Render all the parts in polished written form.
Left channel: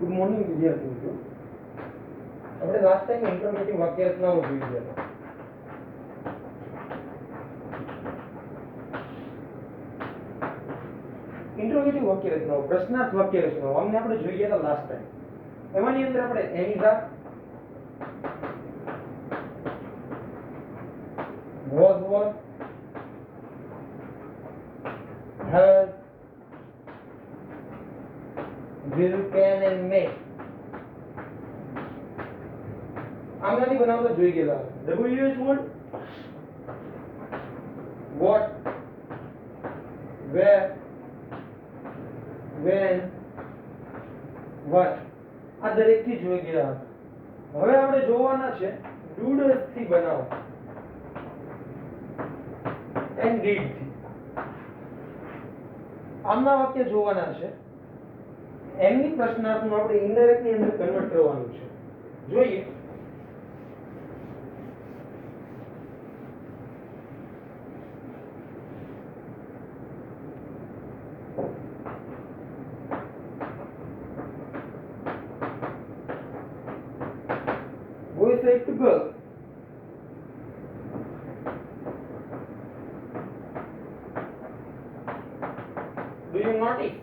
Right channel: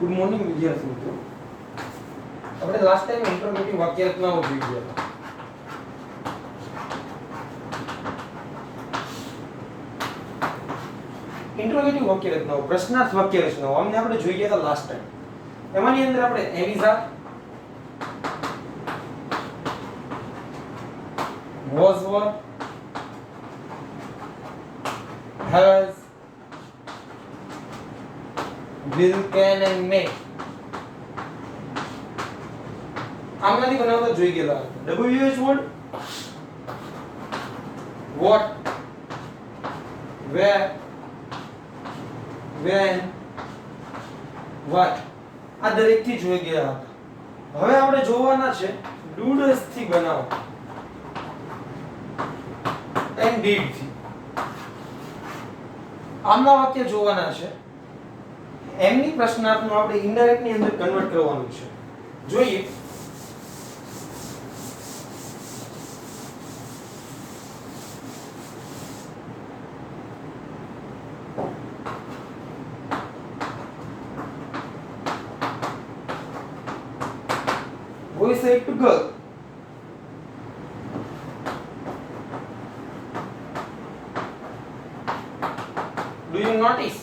Good morning વિદ્યાર્થી મિત્રો. આપણે લાસ્ટ ટાઈમ ઇન્ટ્રોગેટિવ વાક્ય રચનાઓ જોઈ ગયા હતા. ઇન્ટ્રોગેટિવ વાક્ય રચનાઓ, પ્રશ્નાર્થ વાક્ય રચનાઓ અમને આપણે જોઈ ગયા હતા લાસ્ટ ટાઈમ. એમાંની અંદર આપણે એવિઝા, was what, has, will, can and may આમાંથી બનાવતા જોઈ ગયેલા. WH word, what, where, when, why આ દરેક થી જોઈ ગયા હતા. હવે આપણે જોવાના છે doodles થી બનાવો and did થી. આમના વાક્ય જોવાના છે. એમની પ્રશ્નાર્થનું આપણે ઇનડાયરેક્ટ ની અંદર કન્વર્ટ કરવાનું છે. જોઈએ. Boy said to girl, do you notice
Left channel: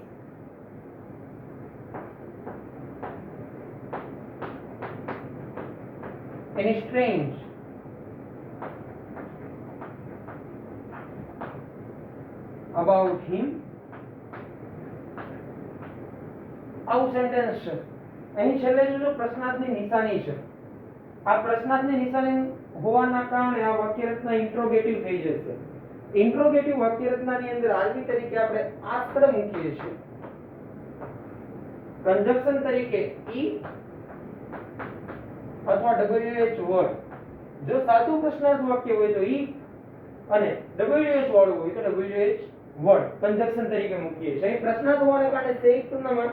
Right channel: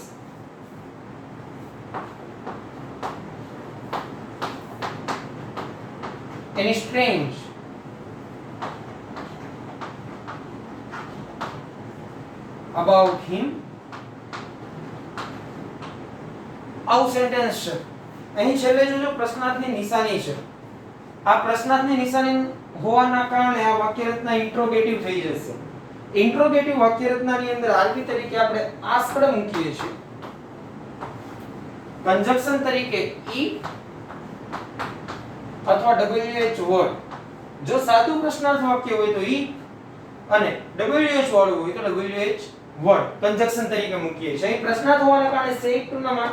any strange about him? આવું સેન્ટેન્સ છે. અહીં છેલ્લે જો પ્રશ્નાર્થની નિશાની છે. આ પ્રશ્નાર્થની નિશાની હોવાના કારણે આ વાક્ય રચના ઇન્ટ્રોગેટિવ થઈ જશે. ઇન્ટ્રોગેટિવ વાક્ય રચનાની અંદર આરબી તરીકે આપણે આસ્પદ મૂકીએ છીએ. કંજક્શન તરીકે ઈ અથવા wh વર્ડ. જો સાદું પ્રશ્નાર્થ વાક્ય હોય તો ઈ અને wh વાળું હોય તો wh વર્ડ કંજક્શન તરીકે મૂકીએ છીએ. અહીં પ્રશ્નાર્થ હોવાને કારણે સેટ ટુ નામાં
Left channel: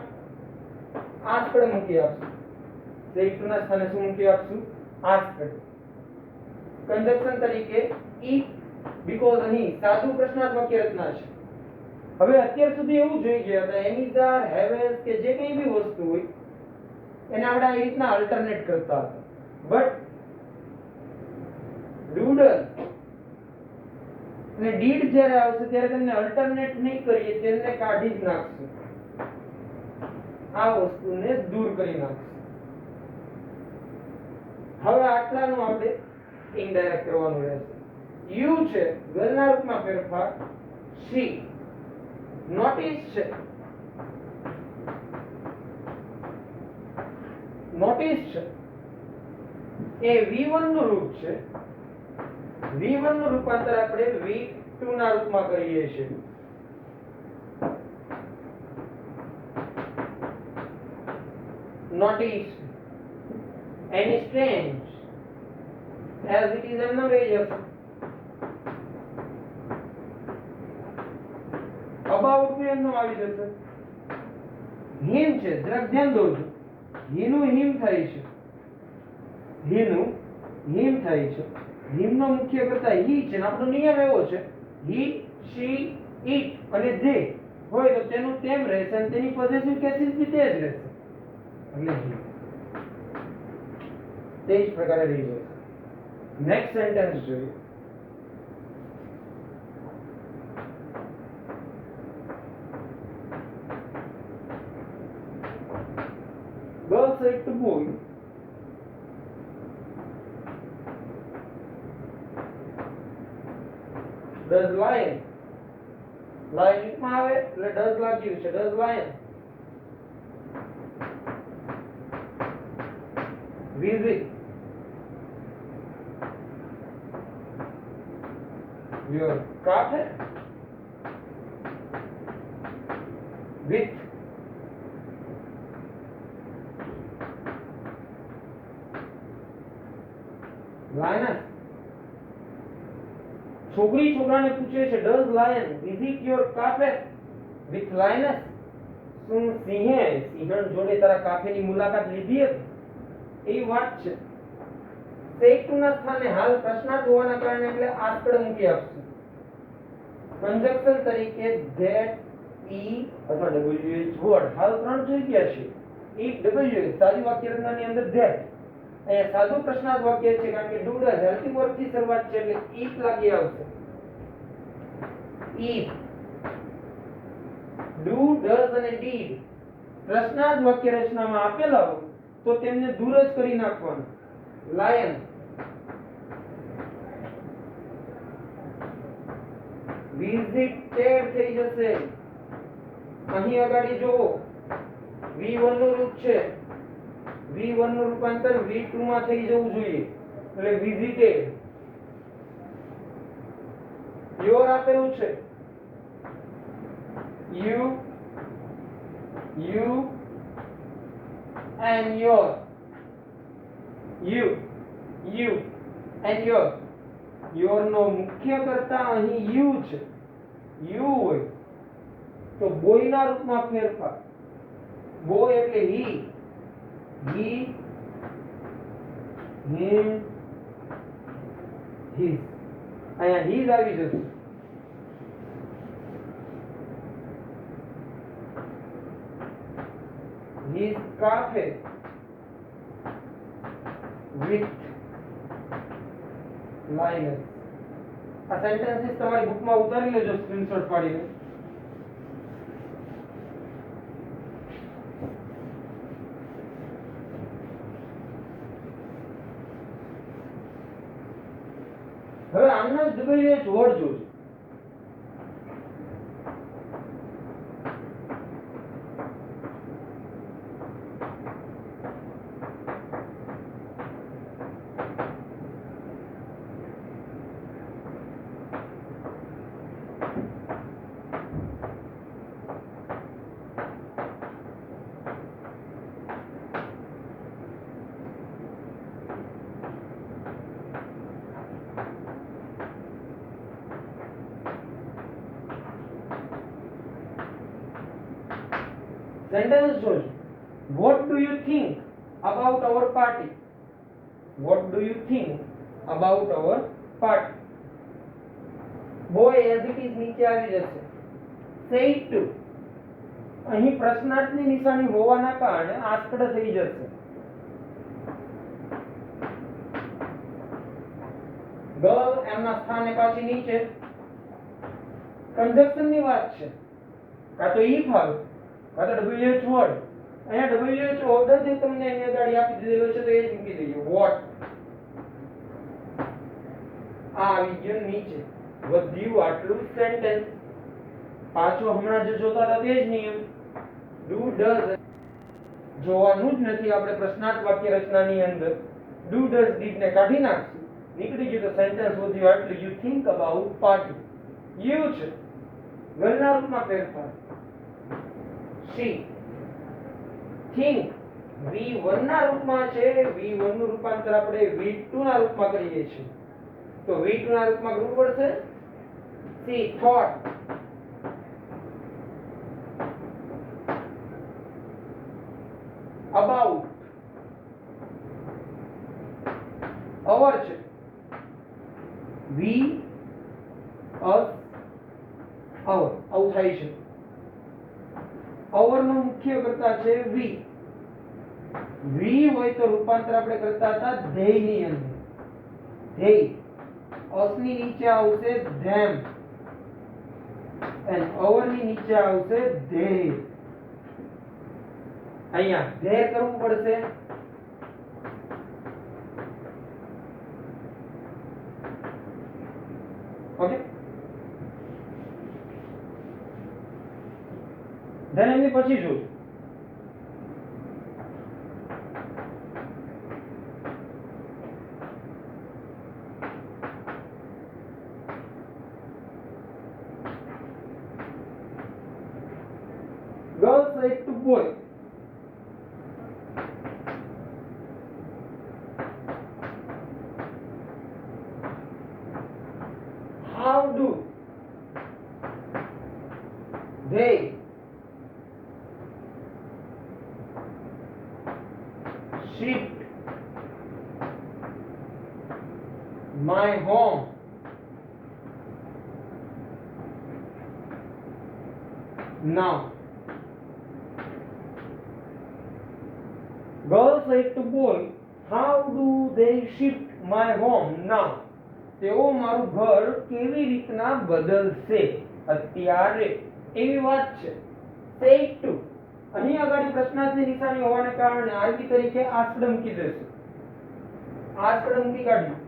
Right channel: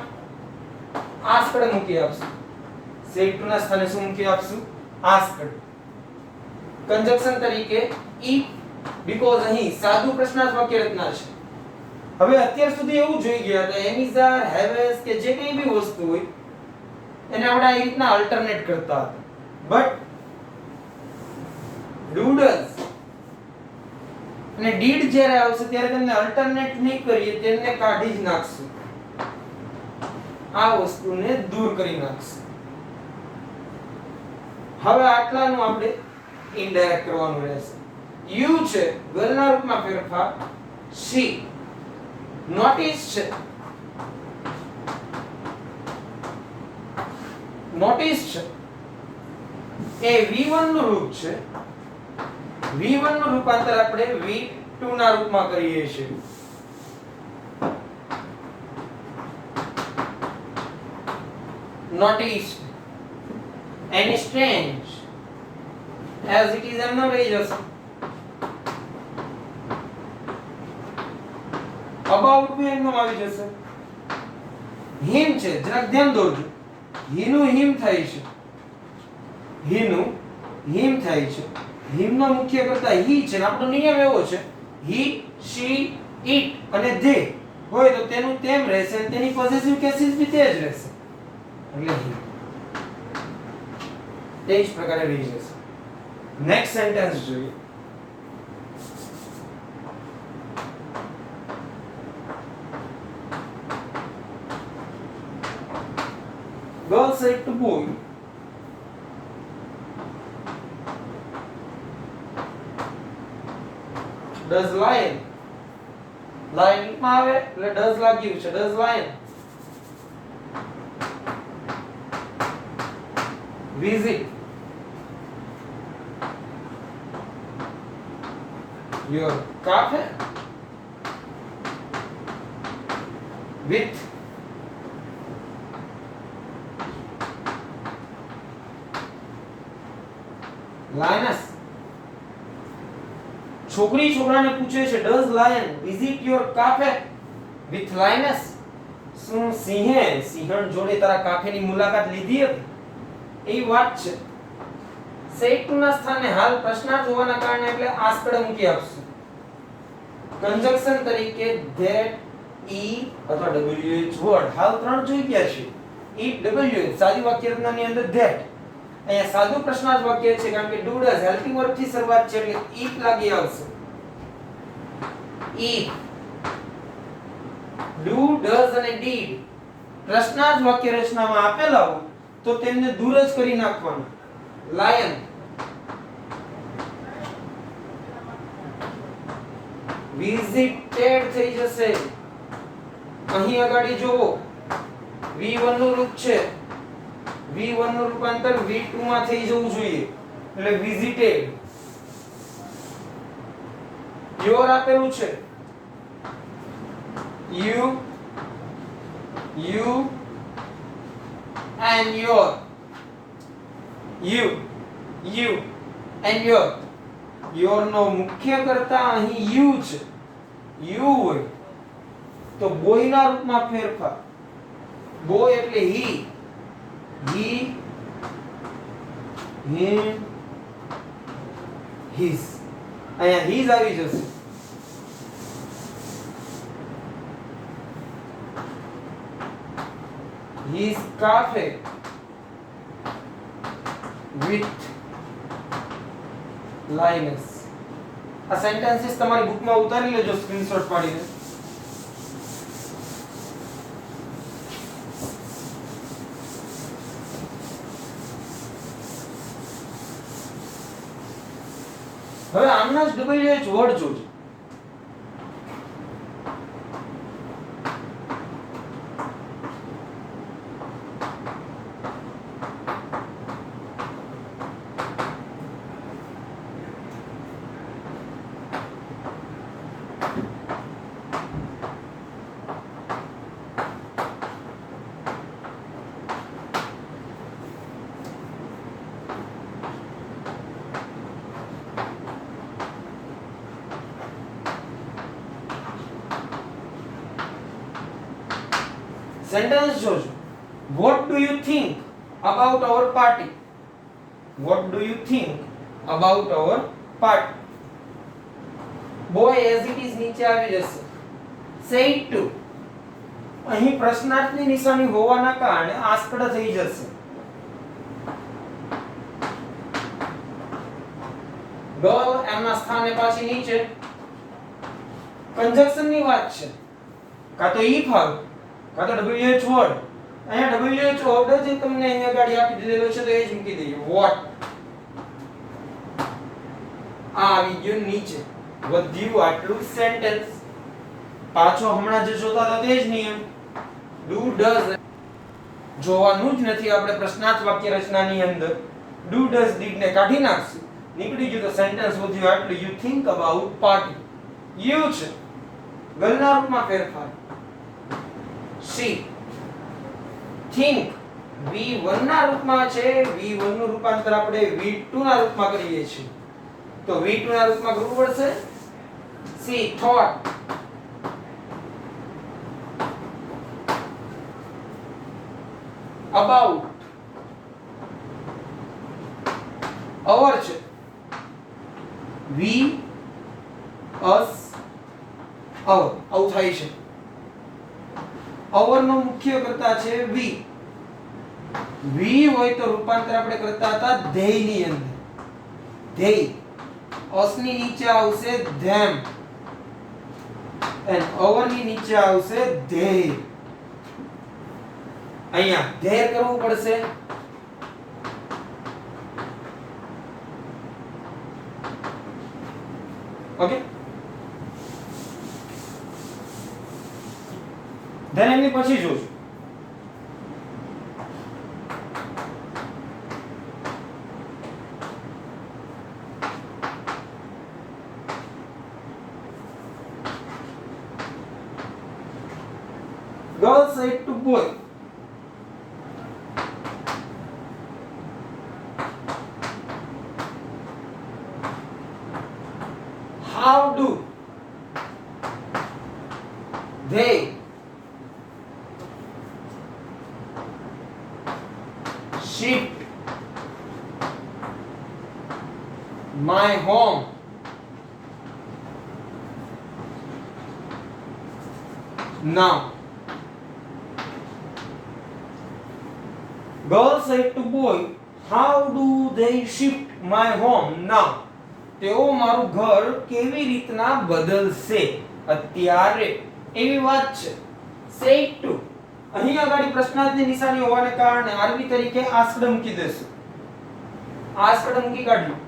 આસ્પદ મૂકી આપશું. સેટ ટુ ના સ્થાને શું મૂકી આપશું? આસ્પદ. કંજક્શન તરીકે ઈ બીકોઝ અહીં સાદું પ્રશ્નાર્થ વાક્ય રચના છે. હવે અત્યાર સુધી એવું જોઈ ગયા હતા એમિઝાર, હેવેસ કે જે કઈ બી વસ્તુ હોય એને આપણે આ રીતના અલ્ટરનેટ કરતા હતા. બટ ડૂડલ્સ અને ડીડ જ્યારે આવશે ત્યારે તેમને અલ્ટરનેટ નહીં કરીએ, તેમને કાઢી જ નાખશું. આ વસ્તુને દૂર કરી નાખશું. હવે આટલાનું આપણે ઇનડાયરેક્ટ કરવાનું રહેશે. યુ છે ગર્લના રૂપમાં ફેરફાર, શી નોટિસ છે. નોટિસ છે એ V1 નું રૂપ છે. V1 નું રૂપાંતર આપણે V2 ના રૂપમાં કરીએ છીએ. Notice any strange as it is એમનો રહી જશે. about બી એમનો આવી જશે. him છે, જરાક ધ્યાન દોરજો. he નું him થાય છે. he નું him થાય છે. him નો મુખ્ય કર્તા he છે ને આપણો નિયમ એવો છે he, she, it અને they હોય તો તેનું તેમ રહેશે અને તેની પોઝેસિવ કેસીસ બી તે જ રહેશે. એટલે he તે જ પ્રકારે રહી જશે. નેક્સ્ટ સેન્ટેન્સ જોઈએ. Girl said to boy, does lion, lion માં આવે એટલે does લાગ્યું છે. does lion visit your cafe with lioness. છોકરી છોકરાને પૂછે છે does lion visit your cafe with lioness? શું સિંહે સિંહણ જોડે તારા કાફેની મુલાકાત લીધી હતી? એ વાત છે. સેટ ટુ ના સ્થાને હાલ પ્રશ્નાર્થ હોવાના કારણે એટલે આસ્પદ મૂકી આપશું. કંજક્શન તરીકે that e અથવા wh વર્ડ હાલ ત્રણ જોઈ ગયા છે. ઈટ ડબલ્યુ સાદી વાક્ય રચનાની અંદર ધેટ. અહીંયા સાદું પ્રશ્નાર્થ વાક્ય છે કારણ કે ડુ ડઝ હેલ્પિંગ વર્બ થી શરૂઆત છે એટલે ઈટ લાગી આવશે. ઈટ, ડુ, ડઝ અને ડીડ પ્રશ્નાર્થ વાક્ય રચનામાં આપેલા હોય તો તેમને દૂર જ કરી નાખવાના. લાયન, વિઝિટેડ થઈ જશે. અહીં આગળ જોવો V1 નું રૂપ છે, V1 નું રૂપાંતર V2 માં થઈ જવું જોઈએ એટલે વિઝિટેડ. યોર આપેલું છે, you and your, you and your નો મુખ્ય કર્તા અહીં you છે. you હોય તો બોય ના રૂપમાં ફેરફાર. બોય એટલે he, him, his. અહીંયા his આવી જશે. his cafe with Linus. આ સેન્ટેન્સીસ તમારી બુકમાં ઉતારી લેજો સ્ક્રીનશોટ પાડીને. હવે આમના જ WH વર્ડ જોજો. Sentence જોજો. What do you think about our party? What do you think about our party? Boy as it is નીચે આવી જશે. Say it to. અહીં પ્રશ્નાર્થની નિશાની હોવાના કારણે આસ્પદ થઈ જશે. Girl એમના સ્થાને પાછી નીચે. કંજક્શનની વાત છે. કાં તો if આવે કાં તો WH વર્ડ. અહીંયા WH વર્ડ જે તમને અહીંયા ગાડી આપી દીધેલો છે તો એ જ મૂકી દઈએ. વોટ આ આવી ગયો નીચે. વધ્યું આટલું સેન્ટેન્સ. પાછો હમણાં જે જોતા હતા તે જ નિયમ. ડુ ડઝ જોવાનું જ નથી આપણે પ્રશ્નાર્થ વાક્ય રચનાની અંદર. ડુ ડઝ ડીડ ને કાઢી નાખશું. નીકળી ગયું તો સેન્ટેન્સ વધ્યું આટલું. You think about party. You છે ગલના રૂપમાં ફેરફાર. she think V1 ના રૂપમાં છે. V1 નું રૂપાંતર આપણે V2 ના રૂપમાં કરીએ છીએ તો V2 ના રૂપમાં કરવું પડશે. she thought about our છે we us our આવું થાય છે. our નો મુખ્ય કર્તા છે we. we હોય તો રૂપાંતર આપણે કરતા હતા they ની અંદર. they us ની નીચે આવશે them and our ની નીચે આવશે they. અહીંયા there કરવું પડશે. ઓકે ધેન એની પછી જોશું. Girl said to boy, how do they shift my home now? girl said to boy, how do they shift my home now? તેઓ મારું ઘર કેવી રીતના બદલશે અત્યારે, એવી વાત છે. said to અહીં આગળ પ્રશ્નાર્થની નિશાની હોવાને કારણે આરબી તરીકે આસ્કડ મૂકી દેશું. આસ્કડ મૂકી કાઢ્યું.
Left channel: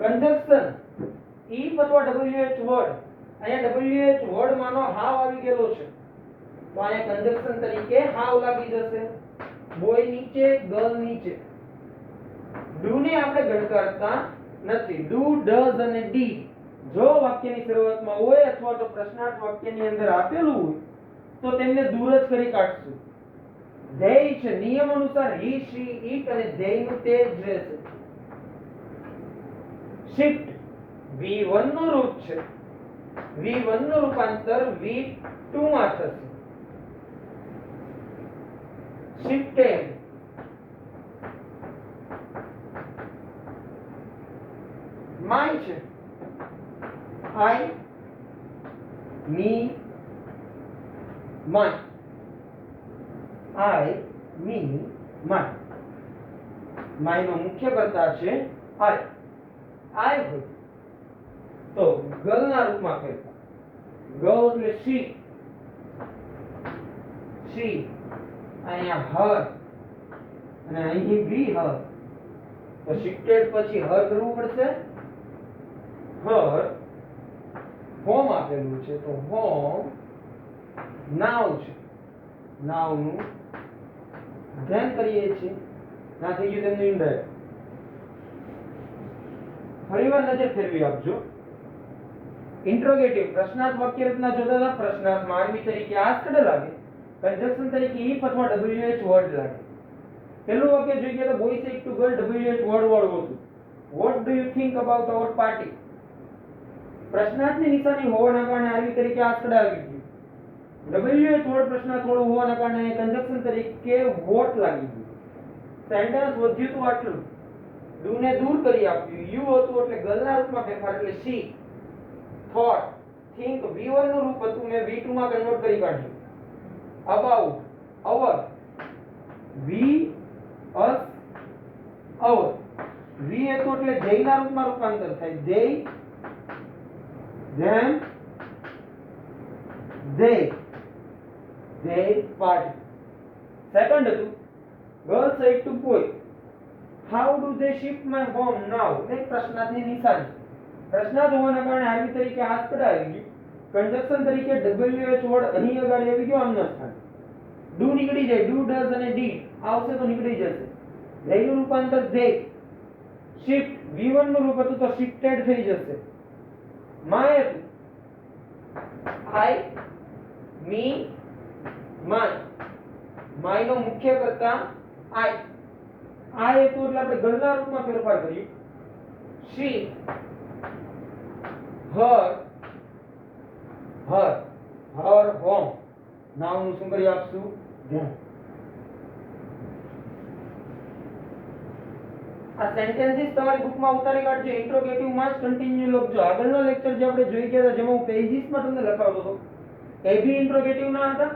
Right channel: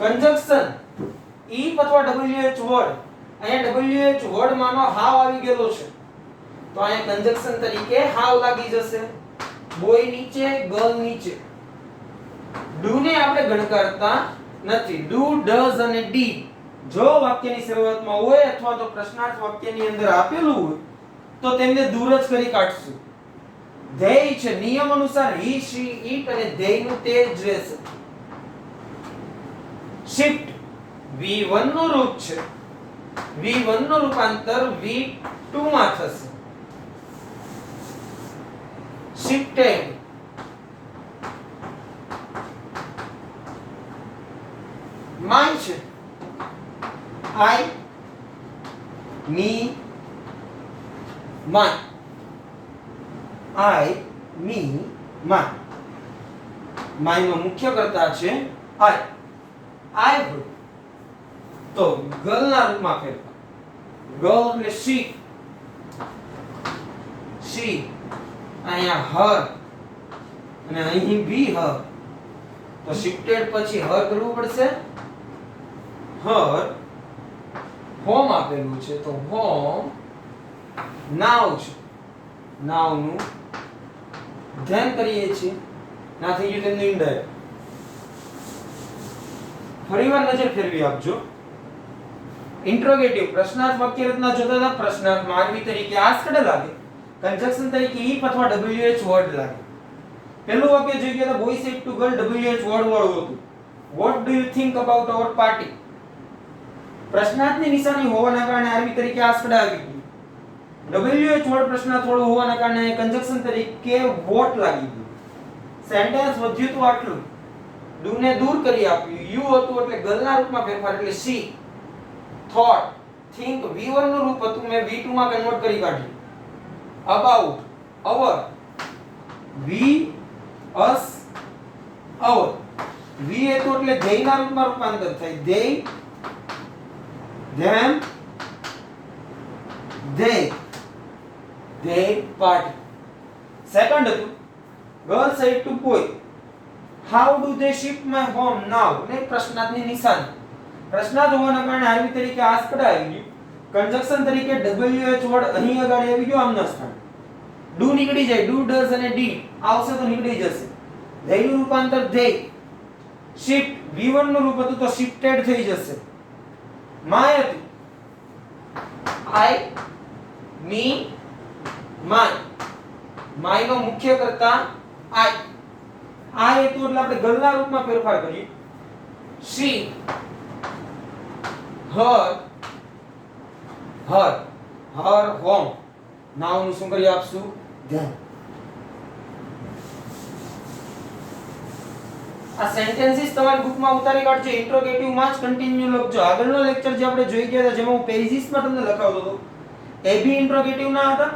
કંજક્શન if અથવા wh વર્ડ, અહીંયા wh વર્ડ માનો હાવ આવી ગયેલો છે તો અહીંયા કંજક્શન તરીકે હાવ લાગી જશે. બોય નીચે, ગર્લ નીચે. ડુ ને આપણે ગણકારતા નથી. ડુ, ડઝ અને ડી જો વાક્યની શરૂઆતમાં હોય અથવા તો પ્રશ્નાર્થ વાક્યની અંદર આપેલું હોય તો તેમને દૂર જ કરી કાઢશું. ધેય છે નિયમ અનુસાર હી, શી, ઇટ અને ધેયનું તે જ રહેશે. શિફ્ટ V1 નું રૂપ છે. V1 નું રૂપાંતર V2 માં થશે. shifted my છે I, me, my. I, me, my. my નો મુખ્ય કર્તા છે I. I હોય તો ગર્લ ના રૂપમાં ફેરફાર. ગર્લ એટલે she. she અહીંયા her અને અહીં be her. તો shifted પછી her કરવું પડશે. her હોમ આપેલું છે તો હોમ નાવ છે. નાવ નું ધ્યાન કરીએ છીએ. ના થઈ ગયું તેમનું ઇનડાયરેક્ટ. ફરીવાર નજર ફેરવી આપજો. ઇન્ટ્રોગેટિવ પ્રશ્નાર્થ વાક્ય રચના જોતા હતા. પ્રશ્નાર્થમાં આરબી તરીકે આસ્કડ લાગે, કંજક્શન તરીકે ઇફ અથવા wh વર્ડ લાગે. પહેલું વાક્ય જોઈ ગયા તો boy said to girl wh word વાળું હતું. What do you think about our party? પ્રશ્નાર્થની નિશાની હોવાના કારણે આરબી તરીકે આસ્કડ આવી ગયું. wh વર્ડ પ્રશ્નાર્થ વાળું હોવાના કારણે કંજક્શન તરીકે વોટ લાગી ગયું. સેન્ટેન્સ વધ્યું તો આટલું. ડુ ને દૂર કરી આપ્યું. યુ હતું એટલે ગર્લના રૂપમાં ફેરફાર એટલે she. thought, think V1 નું રૂપ હતું મેં V2 માં કન્વર્ટ કરી કાઢ્યું. about, our, we, us, our. we હતું એટલે they ના રૂપમાં રૂપાંતર થાય. they, them, they party. Second હતું girl said to boy, how do they shift my home now? ને પ્રશ્નાર્થની નિશાની. પ્રશ્નાર્થ હોવાના કારણે આરબી તરીકે આસ્કડ આવી ગયું. કંજક્શન તરીકે wh વર્ડ અહીં આગળ આવી ગયો આમના સ્થાન. ડુ નીકળી જાય. ડુ, ડઝ અને ડી આવશે તો નીકળી જશે. they નું રૂપાંતર they. shift V1 નું રૂપ હતું તો shifted થઈ જશે. my હતું I, me, my. my નો મુખ્ય કર્તા I. I હતું એટલે આપણે ગર્લના રૂપમાં ફેરફાર કરીએ. she, her, home. નાઉ નું શું કરી આપશું? ધ્યાન. આ સેન્ટેન્સીસ તમારી બુકમાં ઉતારી કાઢજો. ઇન્ટ્રોગેટિવ માં જ કન્ટિન્યુ લખજો. આગળનો લેક્ચર જે આપણે જોઈ ગયા હતા જેમાં હું પેજીસમાં તમને લખાવતો હતો એ બી ઇન્ટ્રોગેટિવ ના હતા,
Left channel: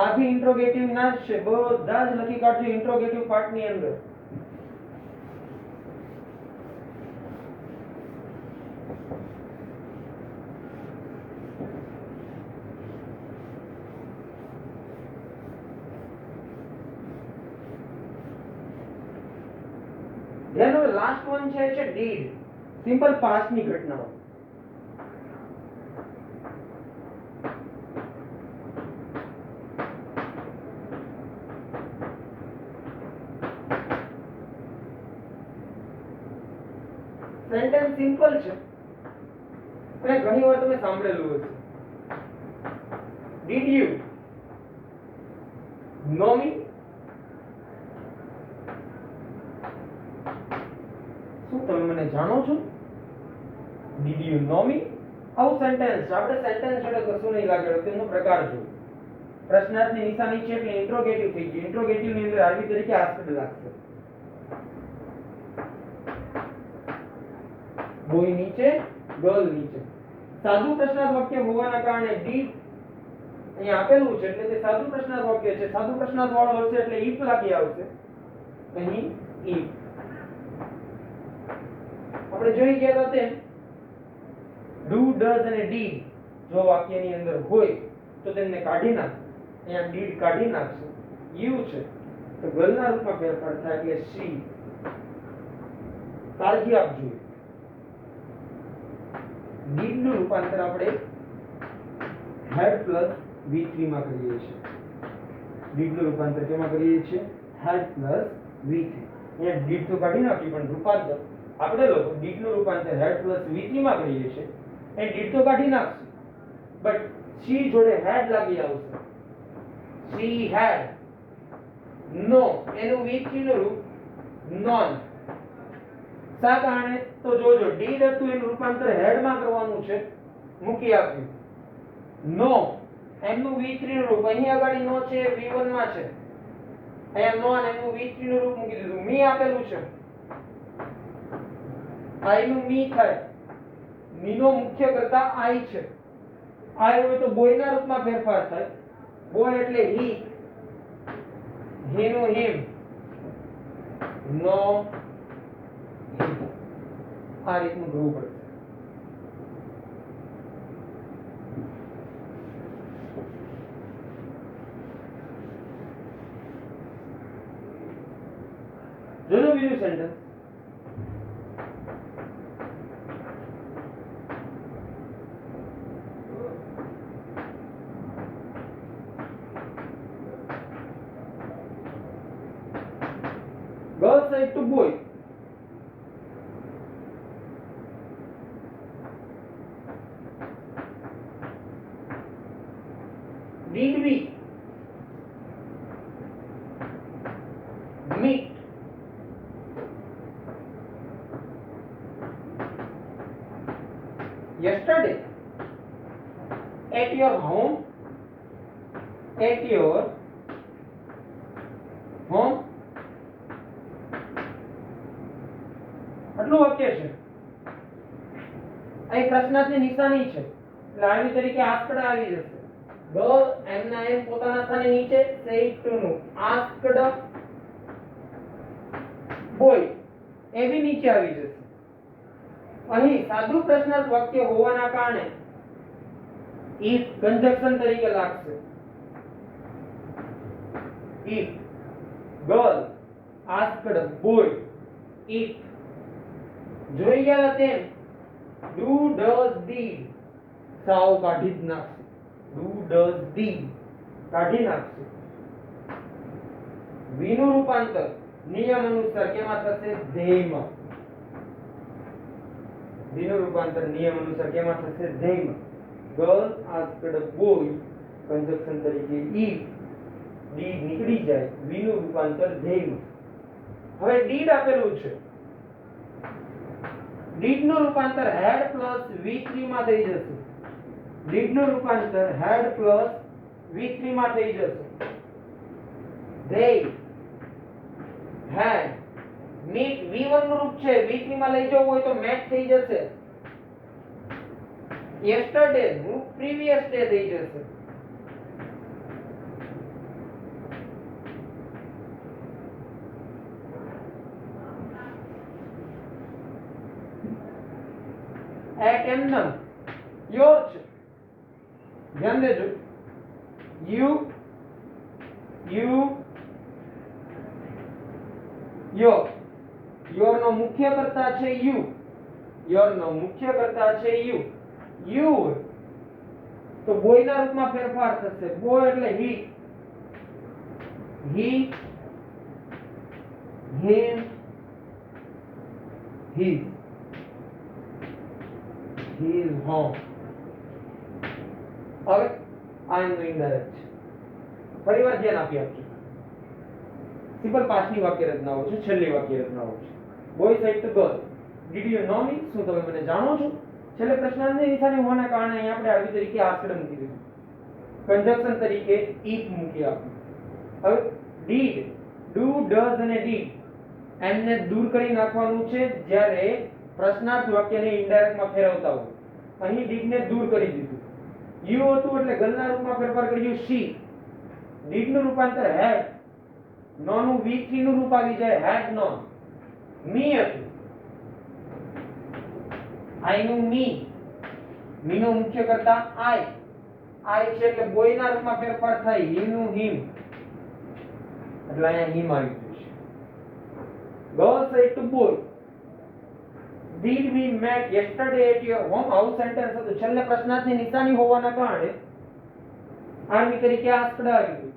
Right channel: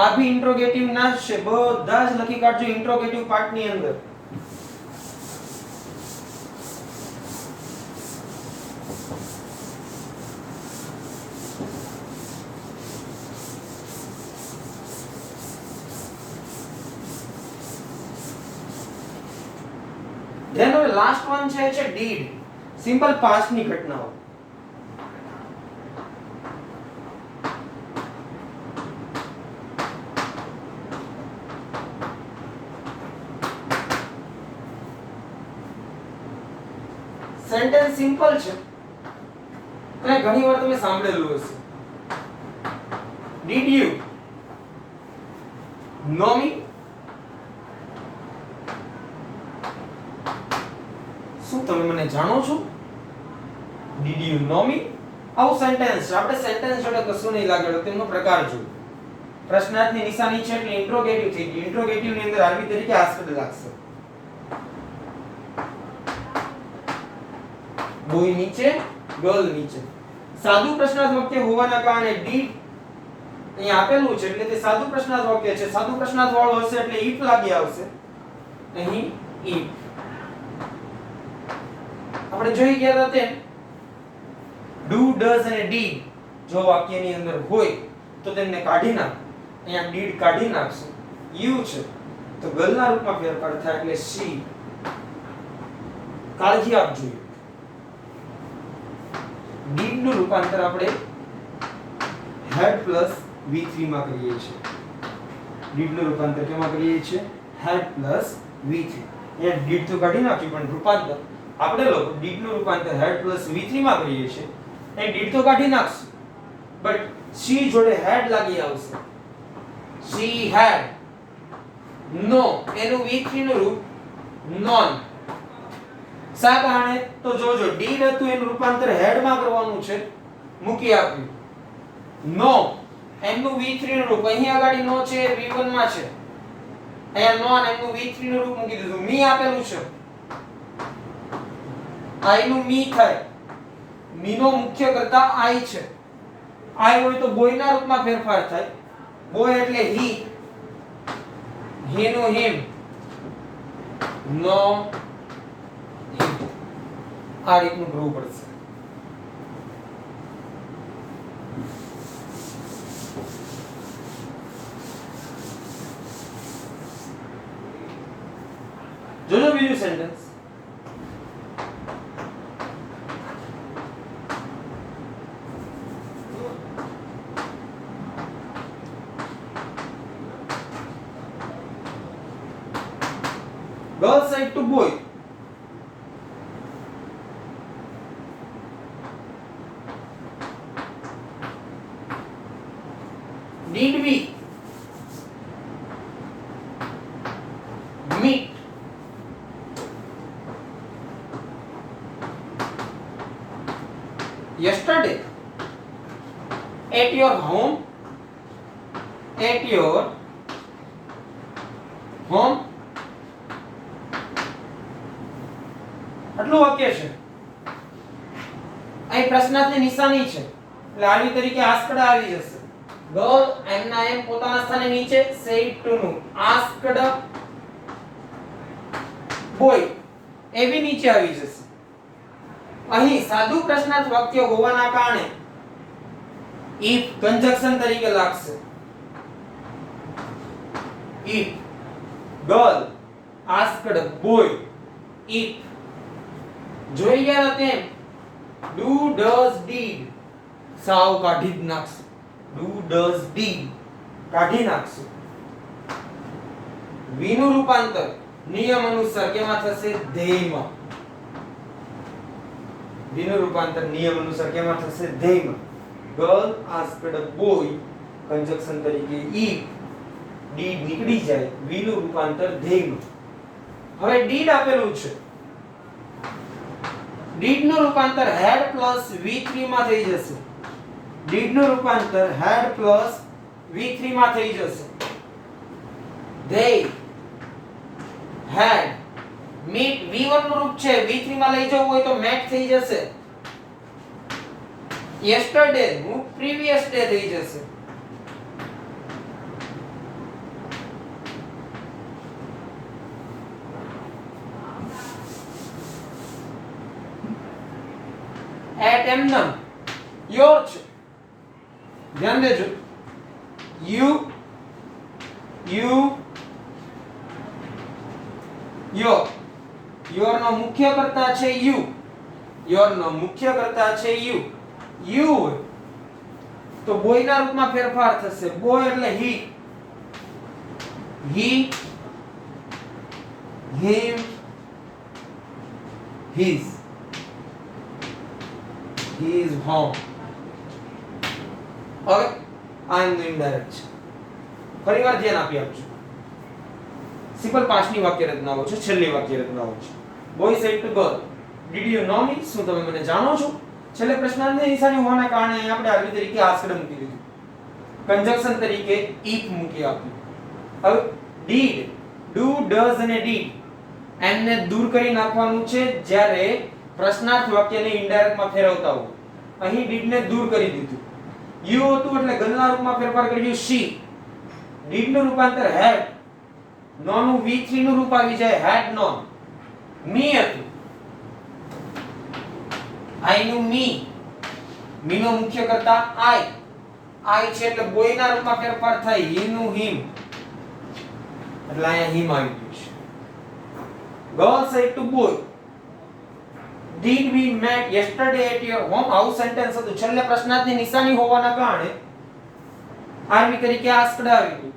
આ બી ઇન્ટ્રોગેટિવ ના જ છે. બધા જ લખી કાઢજો ઇન્ટ્રોગેટિવ પાર્ટની અંદર. ધેન હવે લાસ્ટ વન છે ડીડ. સિમ્પલ પાસ્ટ ની ઘટનાઓ. સેન્ટેન્સ સિમ્પલ છે અને ઘણી વાર તમે સાંભળેલું હશે. ડીડ યુ નો મી? શું તમે મને જાણો છો? ડીડ યુ નો મી? આવું સેન્ટેન્સ આપણે સેન્ટેન્સ જોડે કશું નહીં લાગેલું. તેમનો પ્રકાર જો પ્રશ્નાર્થની નિશાની છે એટલે ઇન્ટ્રોગેટિવ થઈ ગયું. ઇન્ટ્રોગેટિવ ની અંદર આરબી તરીકે આસ્કડ લાગશે. બોય નીચે, ગર્લ નીચે. સાદું પ્રશ્નાર્થ વાક્ય હોવાના કારણે ડીડ અહીંયા આપેલું છે એટલે તે સાદું પ્રશ્નાર્થ વાક્ય છે. સાદું પ્રશ્નાર્થ વાળું હશે એટલે if લાગી આવશે. અહીં if આપણે જોઈ ગયા હતા તેમ do does અને did જો વાક્યની અંદર હોય તો તેમને કાઢી નાખ. અહીંયા did કાઢી નાખશું. you છે તો ગલના રૂપમાં ફેરફાર થાય એટલે she. કાળજી આપજો. did નું રૂપાંતર આપણે had plus v3 માં કરીએ છીએ. did નું રૂપાંતર કેમાં કરીએ છીએ? had plus v3. અહીંયા did તો કાઢી નાખ્યું પણ રૂપાંતર આપણે લોકો did નું રૂપાંતર had plus v3 માં કરીએ છીએ. એ did તો કાઢી નાખશું બટ she જોડે had લાગી આવશે. she had no એનું v3 નું રૂપ non. શા કારણે? તો જોજો did હતું એનું રૂપાંતર had માં કરવાનું છે, મૂકી આપ્યું. no એનું v3 નું રૂપ અહીં આગળ no છે v1 માં છે, અહીંયા non એનું v3 નું રૂપ મૂકી દીધું. me આપેલું છે i નું me થાય. me નો મુખ્ય કર્તા i છે. i હોય તો boy ના રૂપમાં ફેરફાર થાય. boy એટલે he, he નું him, no him. આ રીતનું કરવું પડશે. જોજો બીજું sentence. Girl said to boy, did we meet yesterday at your home? At your home? આટલું વાક્ય છે. અહીં પ્રશ્નાર્થની નિશાની છે એટલે આવી તરીકે આસ્કડ આવી જશે. ગર્લ એમના એમ પોતાના સ્થાને નીચે said to નું asked boy એ બી નીચે આવી જશે. અહીં સાદું પ્રશ્નાર્થ વાક્ય હોવાના કારણે if કંજક્શન તરીકે લાગશે. if girl asked boy, if જોઈ ગયા તેમ do does did સાવ કાઢી જ નાખશું. do does did કાઢી નાખશું. v નું રૂપાંતર નિયમ અનુસાર કેમાં થશે? ધ્યેયમાં. v નું રૂપાંતર નિયમ અનુસાર કેમાં થશે? ધ્યેયમાં. girl asked boy કંજક્શન તરીકે if did નીકળી જાય v નું રૂપાંતર ધ્યેયમાં. હવે did આપેલું છે. did નું રૂપાંતર had plus v3 માં થઈ જશે. did નું રૂપાંતર had plus v3 માં થઈ જશે. they had meet v1 નું રૂપ છે, v3 માં લઈ જવું હોય તો met થઈ જશે. yesterday નું previous day થઈ જશે. at એમનેમ your છે. ધ્યાન દેજો. you your નો મુખ્ય કર્તા છે you. your નો મુખ્ય કર્તા છે you. you તો boy ના રૂપમાં ફેરફાર થશે. boy એટલે he, him, his. he is home. હવે I am going direct. ફરીવાર ધ્યાન આપી આપજો. સિમ્પલ પાસ્ટની વાક્ય રચનાઓ છે, છેલ્લી વાક્ય રચનાઓ છે. boy said to girl, did you know me? શું તમે મને જાણો છો? છેલ્લે પ્રશ્નાર્થની નિશાની હોવાના કારણે અહીં આપણે આવી તરીકે આસ્કડ મૂકી દીધું. કંજક્શન તરીકે if મૂકી આપ્યું. હવે did, do, does અને did એમને દૂર કરી નાખવાનું છે જ્યારે પ્રશ્નાર્થ વાક્યને ઇનડાયરેક્ટ માં ફેરવતા હોય. અહીં did ને દૂર કરી દીધું. યુ હતું એટલે ગલના રૂપમાં ફેરફાર કર્યું સી. ડીડ નું રૂપાંતર હેડ. નો નું V3 નું રૂપ આવી જાય હેડ નોન. મી હતું આઈ નું મી. મી નો મુખ્ય કરતા આઈ. આઈ છે એટલે બોય ના રૂપમાં ફેરફાર થાય હી નું હિમ. એટલે અહીંયા હિમ આવી ગયું છે. Girl said to boy, did we met yesterday at your home? આવું સેન્ટેન્સ હતું. છેલ્લે પ્રશ્નાર્થની નિશાની હોવાના કારણે આર્મી તરીકે આસ્કડ આવી ગયું.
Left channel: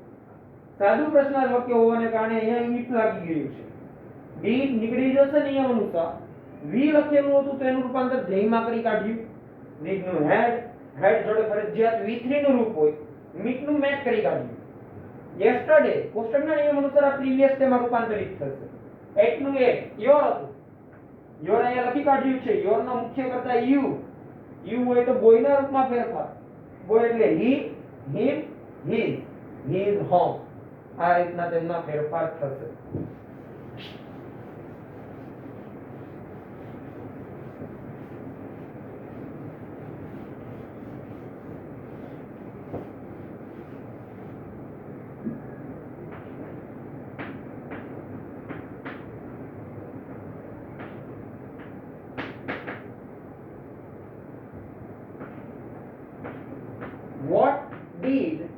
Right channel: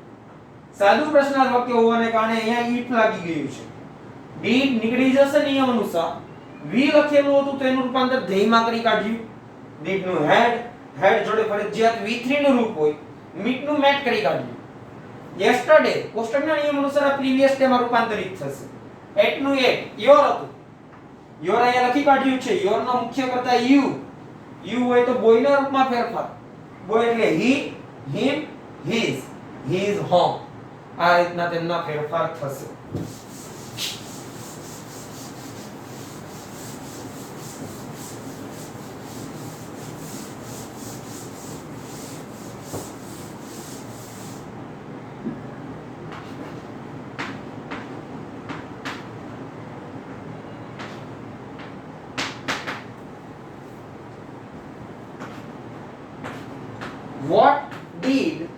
સાદું પ્રશ્નાર્થ વાક્ય હોવાને કારણે અહીંયા ઈફ લાગી ગયું છે. did નીકળી જશે નિયમ અનુસાર. we લખેલું હતું તો એનું રૂપાંતર ધ્યેયમાં કરી કાઢ્યું. did નું હેડ જોડે ફરજિયાત V3 નું રૂપ હોય. meet નું મેટ કરી કાઢ્યું. yesterday કોષ્ટકના નિયમ અનુસાર આ પ્રીવિયસ ટેમાં રૂપાંતરિત થશે. at નું યોર હતું. યોર અહીંયા લખી કાઢ્યું છે. યોર નો મુખ્ય કરતા યુ હોય તો બોય ના રૂપમાં ફેરફાર. બોય એટલે હી, હિમ, his home. આ રીતના તેમના ફેરફાર થશે. What did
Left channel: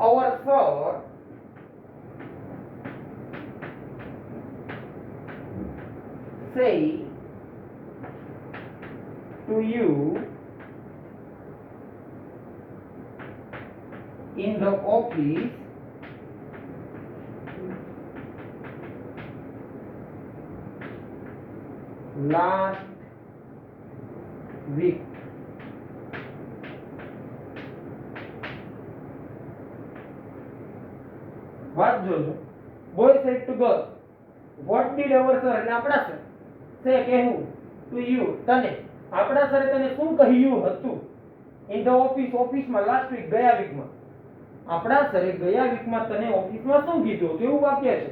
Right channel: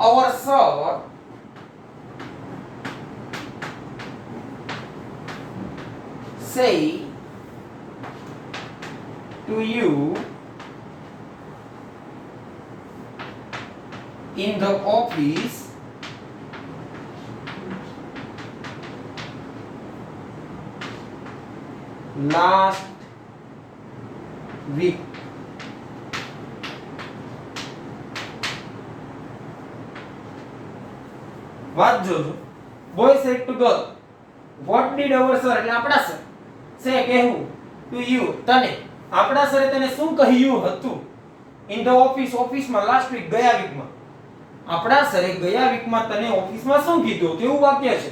our sir say to you in the office last week? વાત જોજો. Boy said to girl, what did our sir એટલે આપણા સર સે કહેવું ટુ યુ તને. આપણા સરે તને શું કહ્યું હતું? ઇન ધ ઓફિસ ઓફિસમાં લાસ્ટ વીક ગયા વીકમાં. આપણા સરે ગયા વીકમાં તને ઓફિસમાં શું કીધું હતું એવું વાક્ય છે.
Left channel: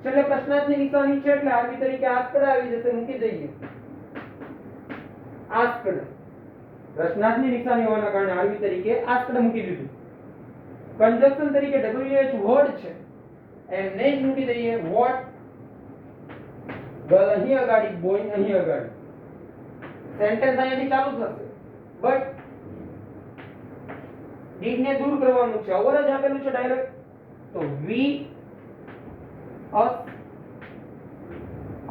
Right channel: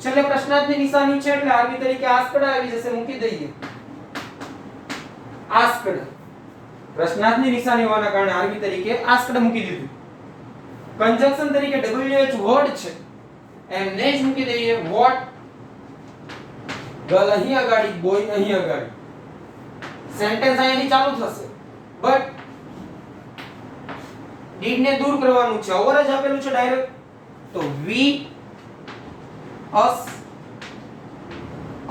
છેલ્લે પ્રશ્નાર્થની નિશાની છે એટલે આરબી તરીકે આસ્કડ આવી જશે. મૂકી દઈએ આસ્કડ. પ્રશ્નાર્થની નિશાની હોવાના કારણે આરબી તરીકે આસ્કડ મૂકી દીધું. કંજક્શન તરીકે WH વર્ડ છે એમને જ મૂકી દઈએ વોટ. ગર્લ અહીં આગળ, બોય અહીં આગળ. સેન્ટેન્સ અહીંથી ચાલુ થશે. બટ ડીડ ને દૂર કરવાનું છે. ઓવર જ આપેલું છે ડાયરેક્ટ. તો વી અસ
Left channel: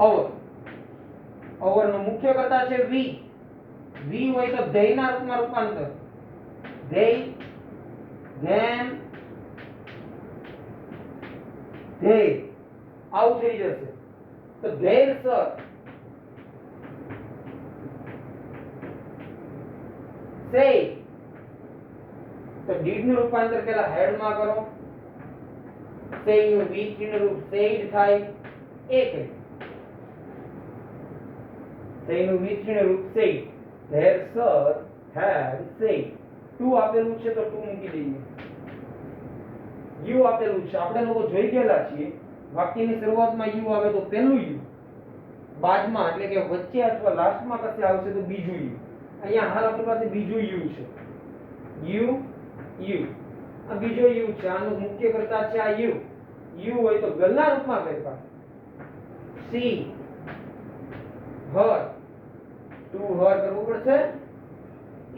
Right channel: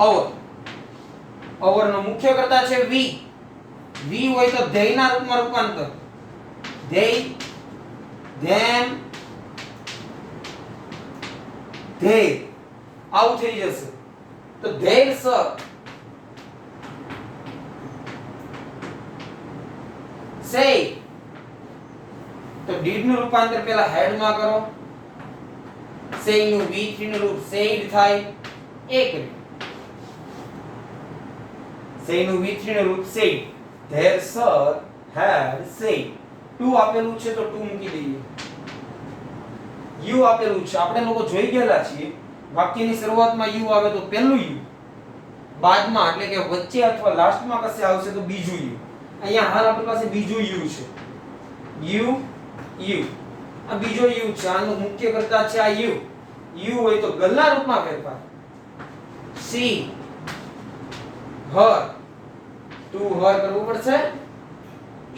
ઓવર. ઓવર નો મુખ્ય કરતા છે વી. વી હોય તો ધ્યેયના રૂપમાં રૂપાંતર. ધ્યેય, ધેમ, ધ્યેય આવું થઈ જશે. તો ધ્યેય સર સે. તો ડીડ નું રૂપાંતર પેલા હેડ માં કરો. સે નું V3 નું રૂપ સેડ થાય. એક સે નું V3 નું રૂપ said. There sir had said. To આપેલું છે તો ટુ મૂકી દઈએ. યુ આપેલું છે. આપણે લોકો જોઈ ગયેલા છીએ વાક્યની શરૂઆતમાં યુ આવે તો પહેલું યુ, બાદમાં એટલે કે વચ્ચે અથવા લાસ્ટમાં કશે આવશે તો બીજું યુ. અહીંયા હાલ આપણી પાસે બીજું યુ છે. યુ આ બીજો યુ છે. આનું મુખ્ય કરતા છે આ યુ. યુ હોય તો ગલના રૂપમાં ફેરફાર. સી, હર, ટુ હર કરવું પડશે.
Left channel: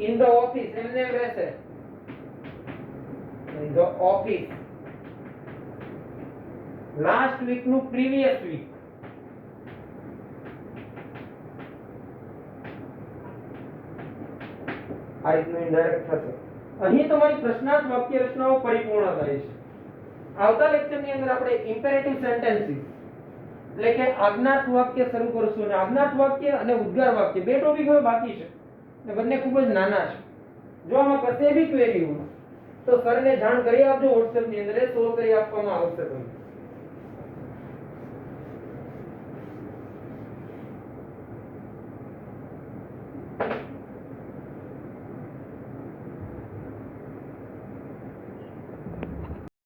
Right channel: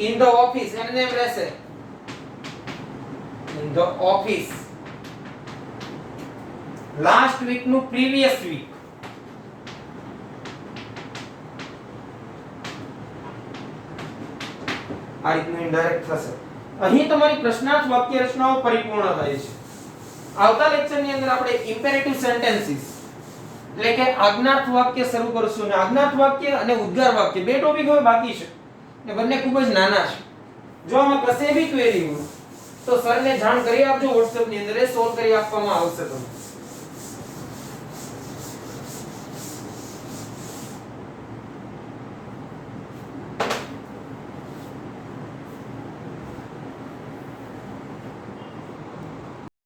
in the office એમને એમ રહેશે. in the office last week નું previous week. આ રીતનું ઇનડાયરેક્ટ થશે. અહીં તમારી પ્રશ્નાર્થ વાક્ય રચનાઓ પરિપૂર્ણ થાય છે. આવતા લેક્ચરની અંદર આપણે ઇમ્પેરેટિવ સેન્ટેન્સીસ એટલે કે આજ્ઞાર્થ વાક્ય શરૂ કરશું. અને આજ્ઞાર્થ વાક્ય અને ઉદ્ગાર વાક્ય બે ટોપિક હવે બાકી છે ને બંને ખૂબ જ નાના છે. જો આમાં કશે બી ક્વેરી હોય તો સરને જાણ કરી આપજો. WhatsApp ની અંદર એ સોલ્વ કરી આપવામાં આવશે તમને.